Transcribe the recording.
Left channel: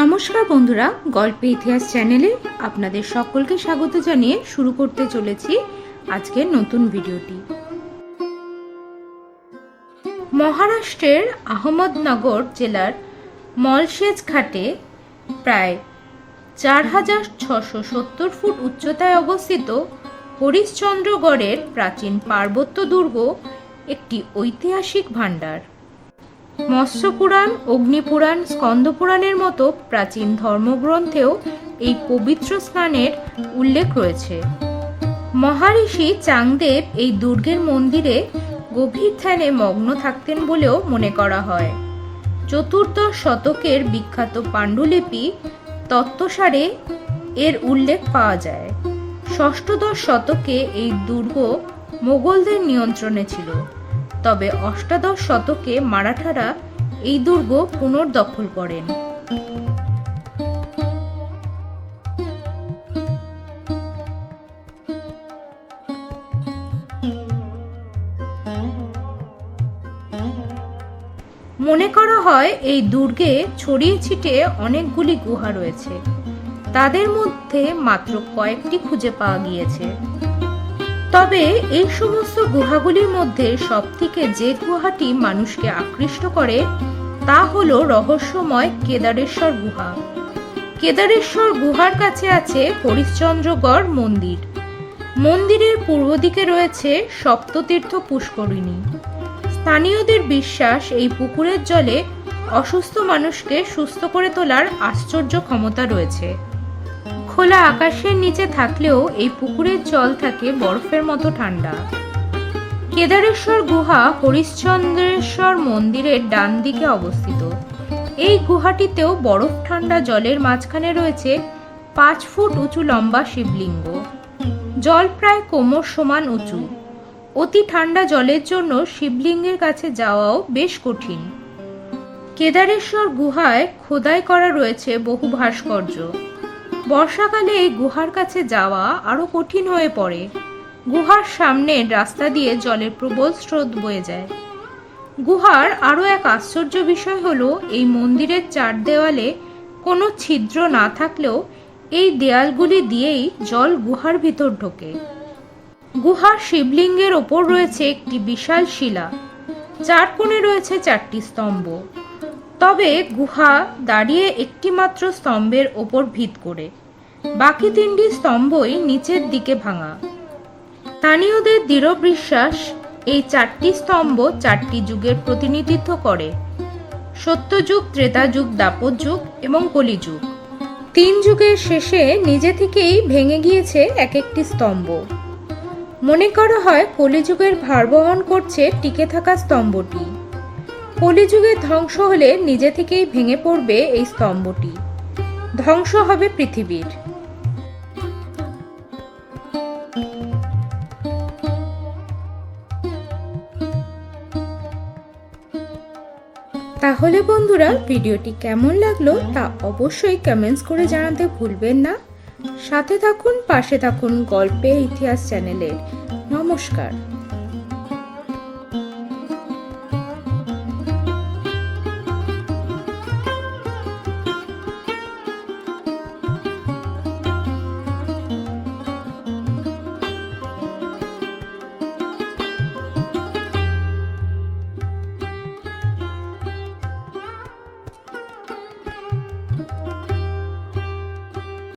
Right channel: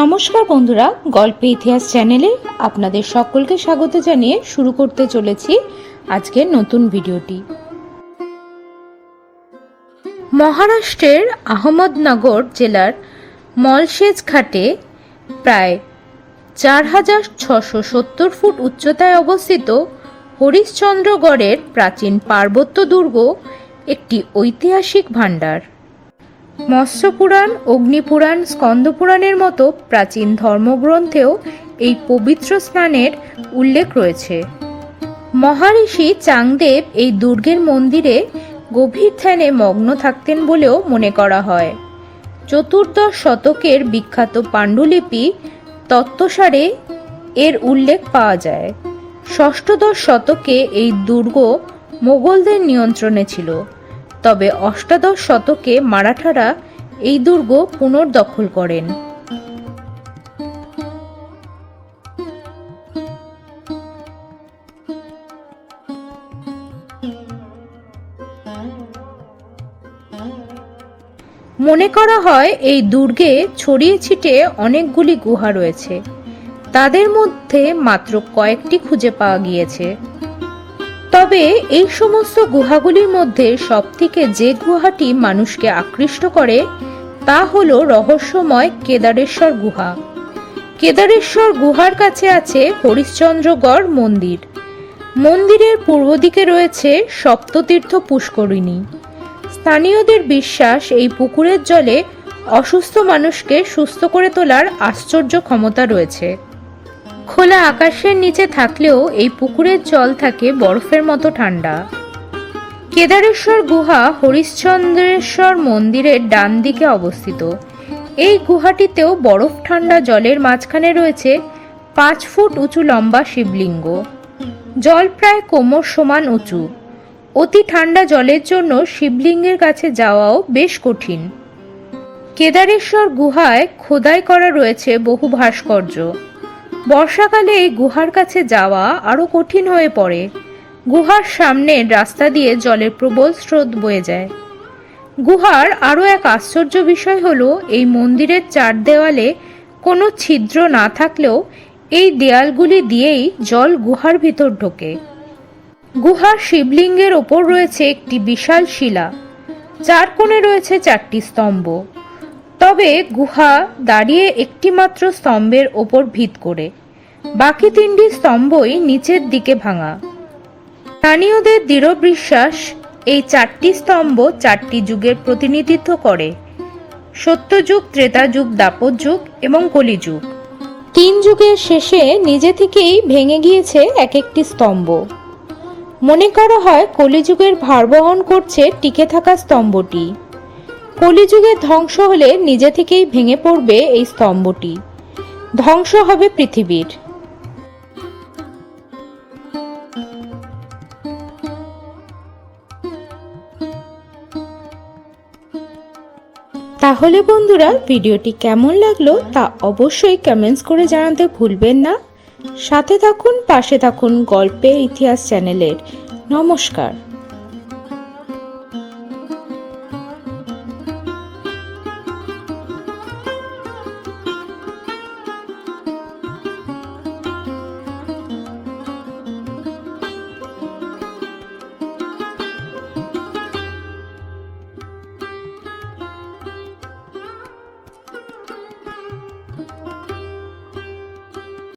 নমস্কার বন্ধুরা, গল্পে ইতিহাস চ্যানেলে আপনাদের সকলকে স্বাগত জানিয়ে শুরু করতে চলেছি আজকের নতুন ভিডিওটি। মহারাষ্ট্রের আহমদনগর জেলার মলশেজ ঘাটে প্রায় ৪,৬৭০ ফুট উচ্চতায় অবস্থিত হরিশ্চন্দ্রগড়ের প্রাচীন পার্বত্য দুর্গ একটি ঐতিহাসিক ভাণ্ডার। মৎস্যপুরাণ, অগ্নিপুরাণ, স্কন্দপুরাণের মতো প্রাচীন ধর্মগ্রন্থেও এই পবিত্র স্নানের উল্লেখ রয়েছে। মহারিষি চাংদেব এই দুর্গের মন্দিরে গভীর ধ্যানে মগ্ন থাকতেন বলেও মনে করা হয়। চতুর্দশ শতকের বিখ্যাত পাণ্ডুলিপি তত্ত্বসারে এর উল্লেখ পাওয়া যায়। ষষ্ঠদশ শতকে এই দুর্গ মোগলদের নিয়ন্ত্রণে ছিল, তবে অষ্টাদশ শতকে মারাঠারা এই দুর্গ পুনর্দখল করেন। মনে করা হয় এই দুর্গে ছড়িয়ে ছিটিয়ে অনেকগুলি গুহা রয়েছে, তাদের মধ্যে মাত্র কয়েকটি খুঁজে পাওয়া গিয়েছে। তবে এই সমস্ত গুহাগুলির মধ্যে সবথেকে যে গুহাটি মানুষকে আকৃষ্ট করে তা হলো রহস্যময় কেদারেশ্বর গুহা। কেদারেশ্বর গুহার কাছে আছে হরিশ্চন্দ্রগড় মন্দির। মন্দিরের পূর্ব দিকে রয়েছে সপ্ততীর্থ পুষ্করিণী। স্থানীয়দের বিশ্বাস এই পুকুরের জলে অসুস্থ মানুষকে সুস্থ করে তোলার আশ্চর্য ক্ষমতা রয়েছে। খোলা আকাশের নিচে থাকলেও এই পুকুরের জল থাকে বরফের মতো ঠান্ডা। কেদারেশ্বর গুহা হরিশ্চন্দ্রেশ্বর মন্দিরের ডান দিকে অবস্থিত। এই গুহাটিতেও বরফ ঠান্ডা জলের মাঝখানে রয়েছে ৫ ফুট উঁচু লম্বা শিবলিঙ্গ। জল প্রায় কোমর সমান উঁচু। অতি ঠান্ডা জলের জন্য শিবলিঙ্গের কাছে যাওয়াও বেশ কঠিন। কেদারেশ্বর গুহায় খোদাই করা রয়েছে বহু ভাস্কর্য। বর্ষাকালে এই গুহার কাছে যাওয়া আরো কঠিন হয়ে পড়ে। গুহার সামনের রাস্তা দিয়ে জলের প্রবল স্রোত বয়ে যায়। গুহার আরো এক আশ্চর্য বিষয় হলো এই মন্দিরের চার দেওয়ালে কোনো ছিদ্র না থাকলেও এই দেয়ালগুলি দিয়েই জল গুহার ভিতর ঢোকে। গুহার শিবলিঙ্গের ওপর রয়েছে একটি বিশাল শিলা, চার কোণে রয়েছে 4টি স্তম্ভ। তবে গুহা দাঁড়িয়ে একটি মাত্র স্তম্ভের ওপর ভিত করে, বাকি 3টি স্তম্ভই নিচের দিকে ভাঙা। স্থানীয়দের দৃঢ় বিশ্বাস এই 4টি স্তম্ভ 4টি যুগের প্রতিনিধিত্ব করে: সত্যযুগ, ত্রেতাযুগ, দাপর যুগ এবং কলিযুগ। 3 যুগের শেষে নিজে থেকেই ভেঙে গিয়েছে এক একটি স্তম্ভ। মনে করা হয় কলিযুগের ভার বহন করছে টিকে থাকা স্তম্ভটি। কলিযুগের ধ্বংস হলে নিজে থেকেই ভেঙে পড়বে এই স্তম্ভটি, ধ্বংস হবে পৃথিবীর। তাহলে বন্ধুরা, ভিডিওটি কেমন লাগলো তা অবশ্যই কমেন্টস করে জানাতে ভুলবেন না। সাথে থাকুন, পাশে থাকুন গল্পে ইতিহাস চ্যানেলের। নমস্কার।